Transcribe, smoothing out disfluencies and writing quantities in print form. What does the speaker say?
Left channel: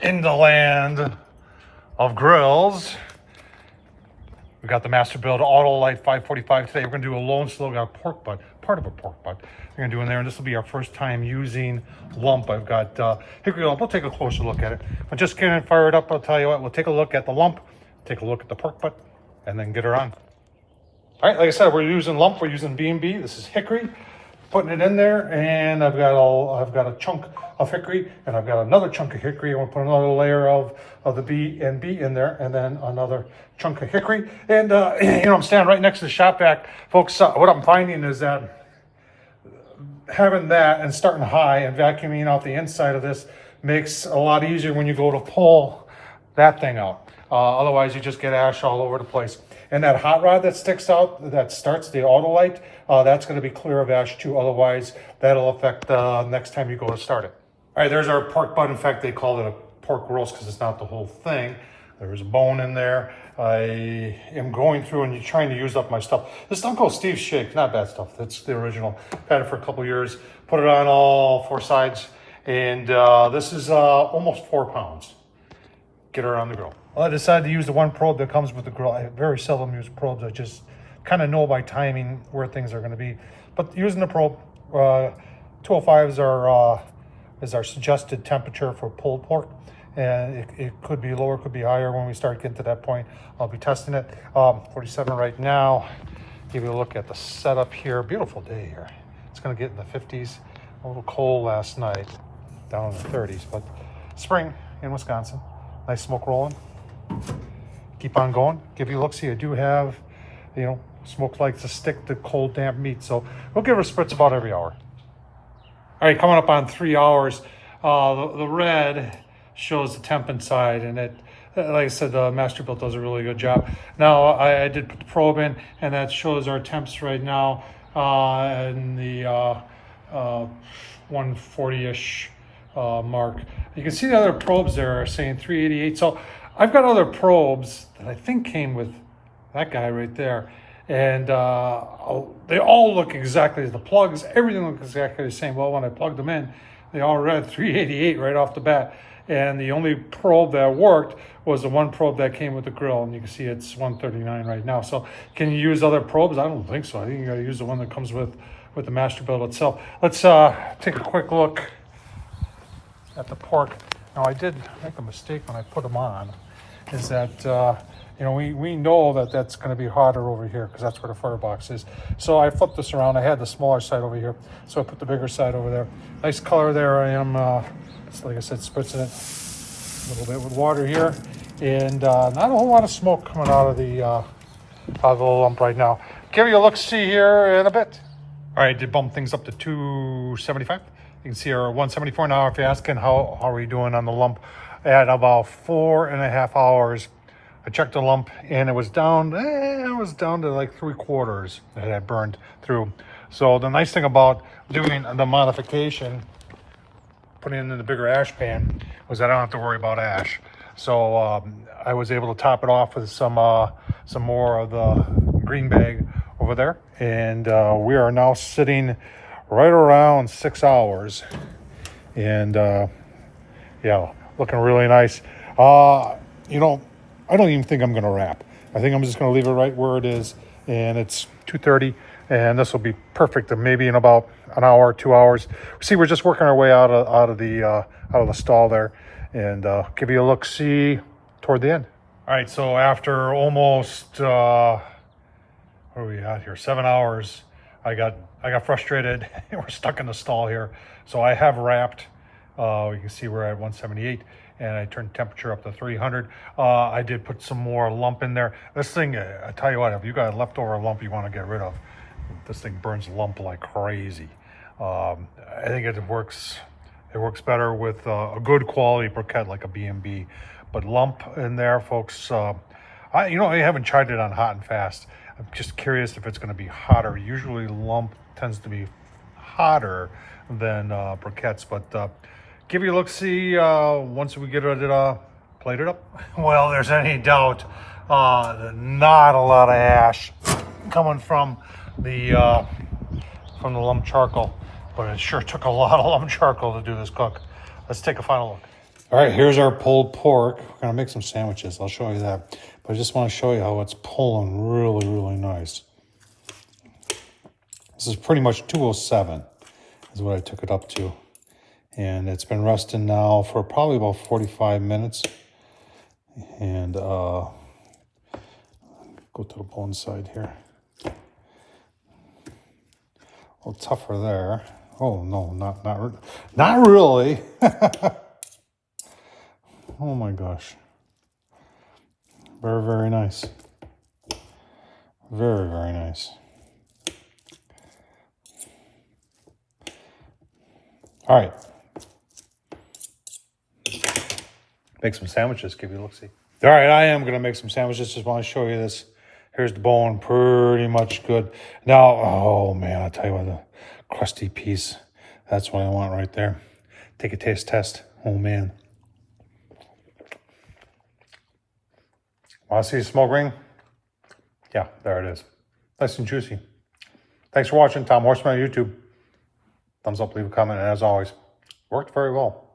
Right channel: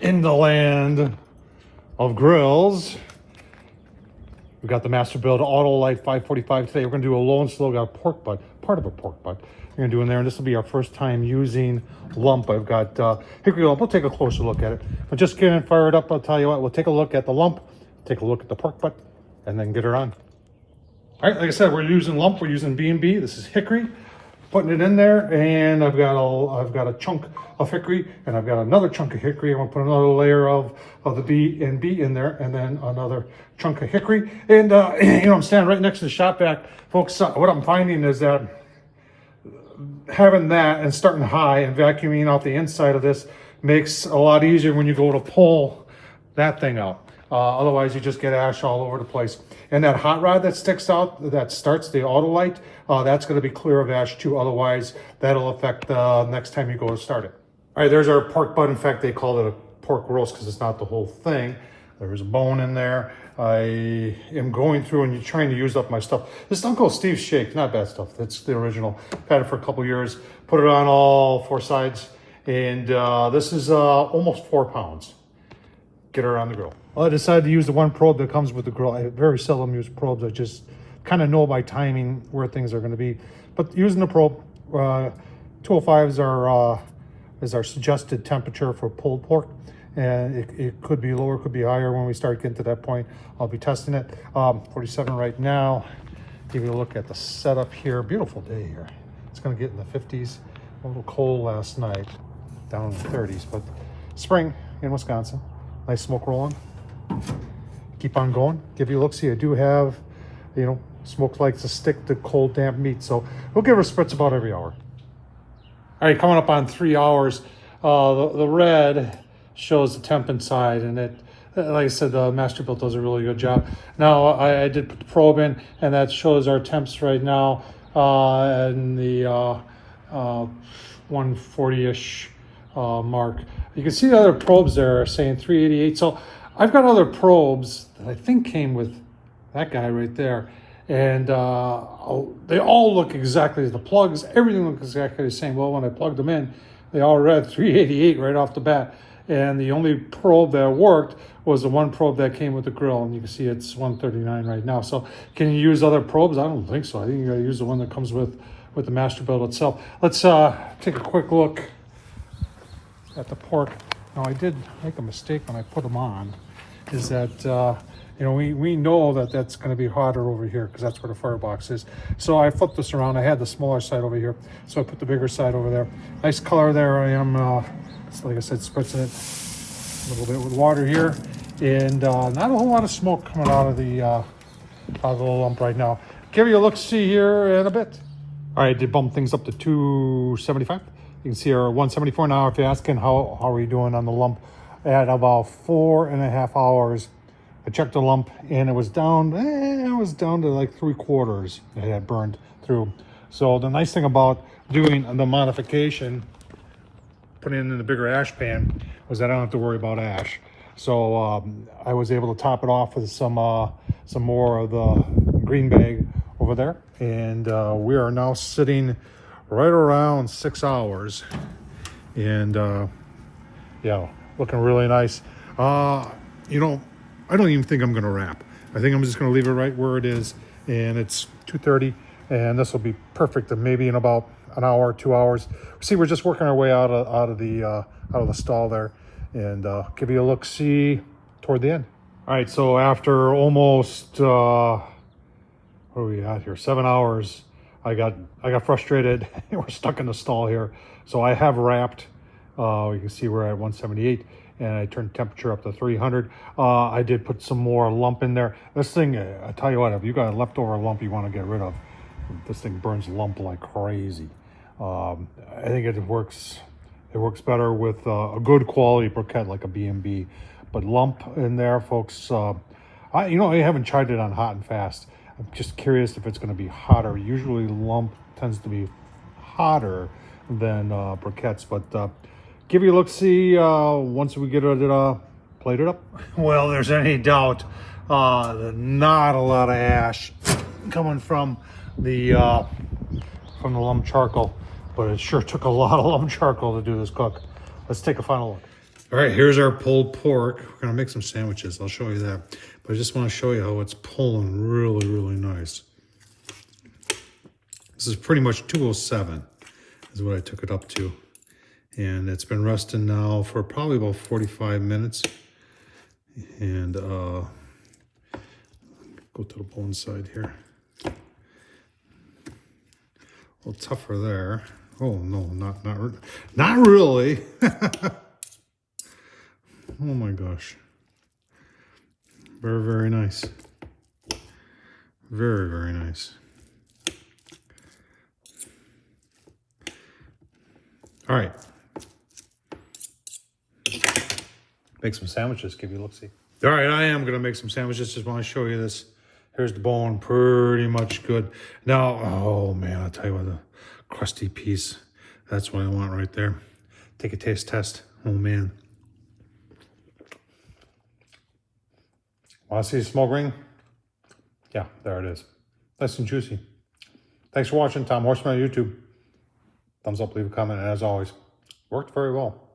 in the land of grills. We got the Masterbuilt Autoignite 545 today. We're gonna do a low and slow. Got a pork butt, part of a pork butt. We're gonna do in there, and this will be our first time using lump. I've got hickory lump. We'll take a closer look at it. But just getting it fired up, I'll tell you what, we'll take a look at the lump, take a look at the pork butt, and then get her on. All right, like I said, we're using lump, we're using B&B. This is hickory. Putting it in there, and I've got a chunk of hickory, and I've got another chunk of hickory. I'm gonna put another layer of the B&B in there, and then another chunk of hickory. And you know, I'm standing right next to the shop vac, folks. What I'm finding is that having that and starting high and vacuuming out the inside of this makes a lot easier when you go to pull that thing out. Otherwise, you just get ash all over the place. And that hot rod that sticks out, that starts the Autolight, that's going to be clear of ash too. Otherwise, that'll affect next time you go to start it. All right, there's our pork butt. In fact, they call it a pork roast because it's not the whole thing. There's a bone in there. I am going through and trying to use up my stuff. This stuff called Steve's Shake, not bad stuff. That's the original. I've had it for a couple years. Put it on all four sides, and this is almost 4 pounds. Get her on the grill. Well, I decided to use the one probe that comes with the grill. I very seldom use probes. I just kind of know by timing where things are going to be. But using the probe, 205 is our suggested temperature for pulled pork. And it could be lower, could be higher when we start getting to that point. I'll be testing it. 47 right now. Give you a look at the setup here. Beautiful day here. It's going to get in the 50s. A little cold last night, down in the 30s. But spring in Wisconsin. Nice smoke rolling. Keep on going. Give you a look. See, I do have, you know, smoke likes to stick to cold, damp meat. So we'll give her spritz about every hour. All right, coming up on 3 hours. The red shows the temp inside, and it, like I said, the Masterbuilt does a really good job. Now, I did put the probe in, and that shows our temps right now in the 140-ish mark. You can see the other probes there are saying 388. So I've got other probes that I think came with that guy right there. And they all look exactly, the plugs, everything looks exactly the same. Well, when I plugged them in, they all read 388 right off the bat. And the only probe that worked was the one probe that came with the grill. And you can see it's 139 right now. So can you use other probes? I don't think so. I think you gotta use the one that comes with the Masterbuilt itself. Let's take a quick look at the pork. Now, I did make a mistake when I put them on, is that, you know, we know that that's going to be hotter over here because that's where the firebox is. So I flipped this around. I had the smaller side over here, so I put the bigger side over there. Nice color there. I am, like I said, spritzing it a little bit with water here, and not a whole lot of smoke coming out of the lump right now. Give you a look-see here in a bit. All right, did bump things up to 275. You can see our 174 now. If you're asking how are we doing on the lump, at about 4.5 hours, I checked the lump and it was down. It was down to like 3/4 that had burned through. So the nice thing about doing the modification, putting it in the bigger ash pan, was I don't have to worry about ash. So I was able to top it off with some more of the green bag over there, and we are now sitting right around 6 hours, and yeah, looking really nice. You know, I don't even think I'm gonna wrap. I think I'm just gonna leave it right where it is, and it's 2:30, and this will be perfect. And maybe in about an hour, 2 hours. See, we're just working our way out of the stall there, and give you a look see toward the end. All right, so after almost where are we at here? 7 hours. I got frustrated. We're stuck in the stall here, so I have wrapped. You can see we're at 178, and I turned temperature up to 300. I did put some more lump in there. This thing, I tell you what, if you got a leftover lump you want to get rid of, this thing burns lump like crazy. I think it works better with a good quality briquette like a B&B, but lump in there, folks. I haven't tried it on hot and fast. I'm just curious if it's going to be hotter. Usually lump tends to be hotter than briquettes, but give you a look see once we get it plated up. Well, there's any doubt not a lot of ash coming from the lump charcoal, but it sure took a lot of lump charcoal to do this cook. Let's take a final look. All right, here's our pulled pork. We're gonna make some sandwiches. I'll show you that. But I just want to show you how it's pulling really, really nice. This is pretty much 207 is what I took it up to. And it's been resting now for probably about 45 minutes. And go to the bone side here. A little tougher there. Oh no, not really. Oh my gosh. Very, very nice. Very, very nice. All right. Make some sandwiches, give you a look-see. All right, I am gonna make some sandwiches. Just want to show you this. Here's the bone, pretty much good. Now, oh man, I'll tell you what, the crusty piece, that's what I want right there. Take a taste test. Oh man. Want to see the smoke ring? Yeah, there it is. Nice and juicy. Thanks for watching. Tom Horsman on YouTube. Thumbs up, leave a comment, and as always, worked very well.